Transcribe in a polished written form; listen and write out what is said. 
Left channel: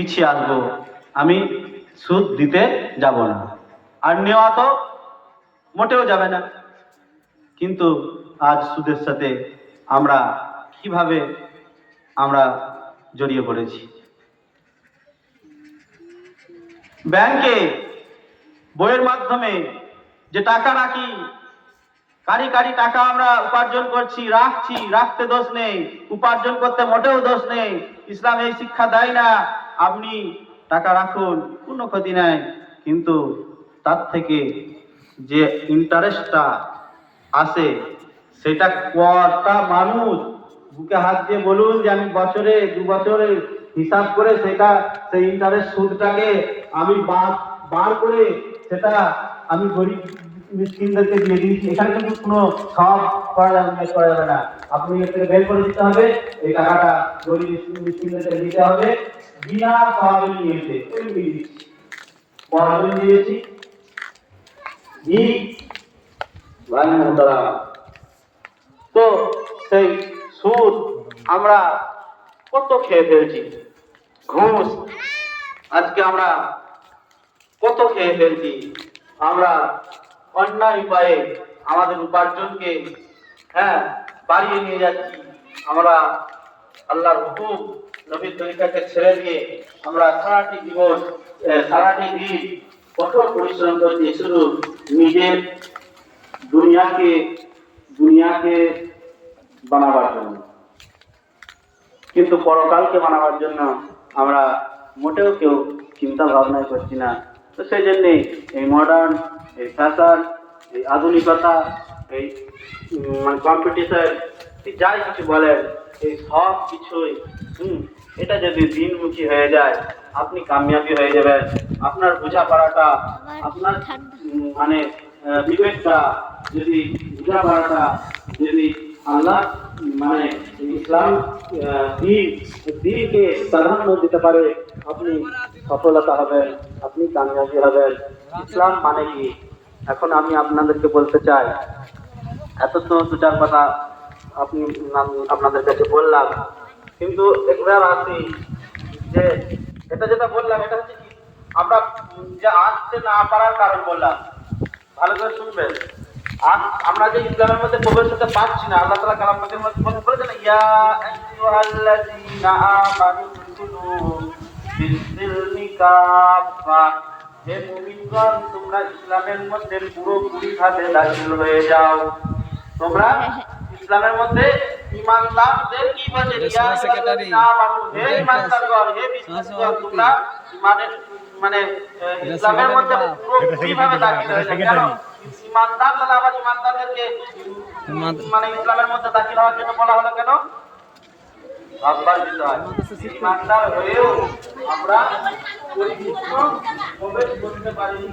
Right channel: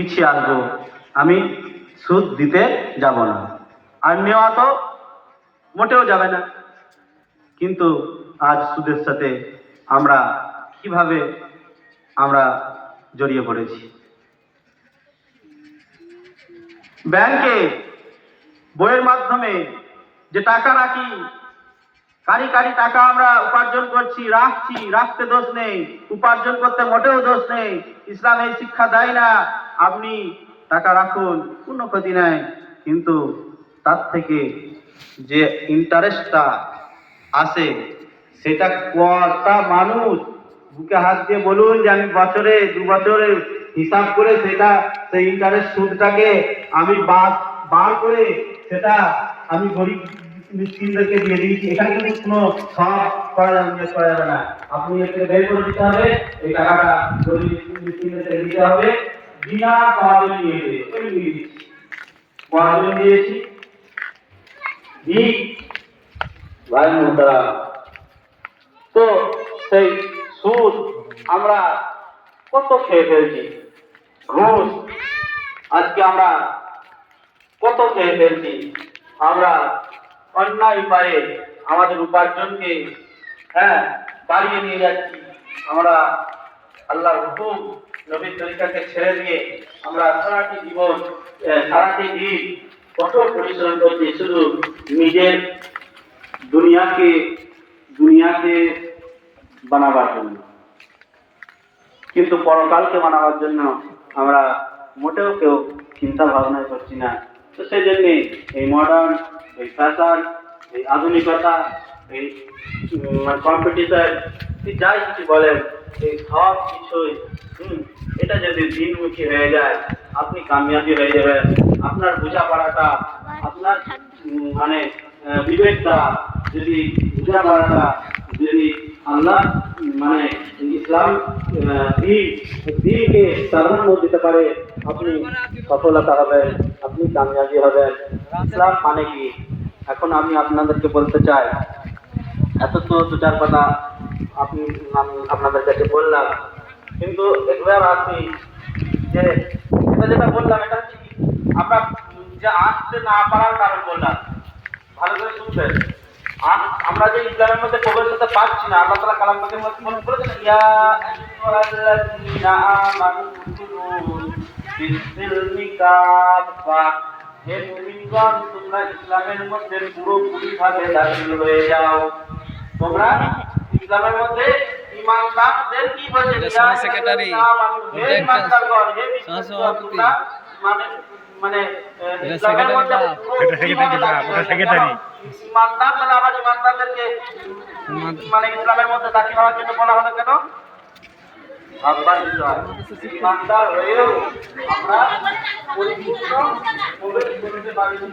পিছিয়ে আসবো, আমি সুদ দিতে যাব না, আর নেওয়া তো মোটেও যাবে না। কিন্তু আজ সুদের সাথে আমরা কিভাবে আমরা জড়িয়ে পড়েছি। ব্যাংকে বইয়ের মাধ্যমে যে টাকা রাখি, কারি কারি টাকা আমরা উপার্জন করছি, রাখতে দোষ নেই, উপার্জন করতে মোটেও দোষ নেই। ইসলাম এই শিক্ষা দেয় না আপনি টাকা রাখুন, কোনো ক্ষতি নাই, কিন্তু তার থেকে যে ইন্টারেস্টটা আসে সেটা কটা মানুষ বুকে হাত দিয়ে বলুন যে আমি বছরে 2 বছরে হিসাব করে সেটা সেই ইন্টারেস্ট সুদটাকে আমি বার করে সেটা আমি গরিব মিসকিনদেরকে দিয়ে দিয়েছি। এখানে কিন্তু কোনো সব করা যাবে না, আপনি এটাকে বের করে দিতে হবে, এই টাকাটা গরিব মিসকিনদেরকে দিতে হবে, বিনা সওয়াবে নিয়েছে ওই দিয়েছি, কয়জন দিয়েছি ভাই মোহতারাম। তো সেই সুদ আমরা কত খেয়ে ফেলছি, ঘুষ আজকে আমরা কত খেয়ে ফেলছি। আমরা অন্যায় উপায়ে আমাদের উপার্জনকে বাড়িয়ে নিয়ে যাচ্ছি। আমরা আল্লাহর হুকুম নবীর তরিকাকে ছেড়ে দিয়ে আমরা সারাটি জীবন সারাটি দিন কঠোর পরিশ্রম করছি শুধু নিজের দুনিয়াকে বানাবার জন্য, কিন্তু পরকালকে বানাবার জন্য আমরা মোটেও কেউ চিন্তা ভাবনা করছি না। তো সেই জন্যে এই মডার্ন, এই ফ্যাশন, এই আধুনিকতা, এই কম্পিটিশন, যাই কিছু বলেন, এই সব কিছুই এটা যদি দিনমুখী হয়ে যায় আপনি কামিয়াবি হয়ে যাবেন। আপনার বোঝাপড়াটা, আপনার বিবেকটা যদি বোঝাপড়াটা যদি আল্লাহ ইসলাম দিনকে প্রাধান্য দিতে পারে, আপনি সফলতা হবেন, আপনি কামিয়াবি হবেন। ইসলাম মানে কি? এখন আমি আপনাদেরকে বলতে চাই, এত তো দুটার কথা আপনাদের কাছে বললাম, কিন্তু একবার আসি যে এটা যেটা বললাম এটা হচ্ছে কি, আমরা যে আসতে না পারার কারণ বললাম, ভালো করে শুনবেন। আমরা যে ইসলামের মধ্যে প্রবেশ করতে পারছি না, আল্লাহ তাআলা কালাম পাকের মধ্যে বলেছেন, ইয়া আইয়ুহাল্লাযীনা আমানু দুখুলু ফিস-সিলমি কাফা, হে মুমিনগণ তোমরা ইসলামের মধ্যে পুরোপুরিভাবে দাখিল হয়ে যাও। তোমরা ইসলামের মধ্যে ঈমানদারদের কি বলে, ইয়া আইয়ুহাল্লাযীনা আমানু, হে ঈমানদারগণ, হে বিশ্বাসীগণ, তোমরা ইসলামের মধ্যে পুরোপুরিভাবে দাখিল হয়ে যাও। ইমানদার মানে আবার ইমানদারদেরকে ইসলামের মধ্যে দাখিল হওয়ার জন্য বলা হলো কেন? ইমানদার হয়েও আমরা পরিপূর্ণ প্রবেশ করতে পারিনি।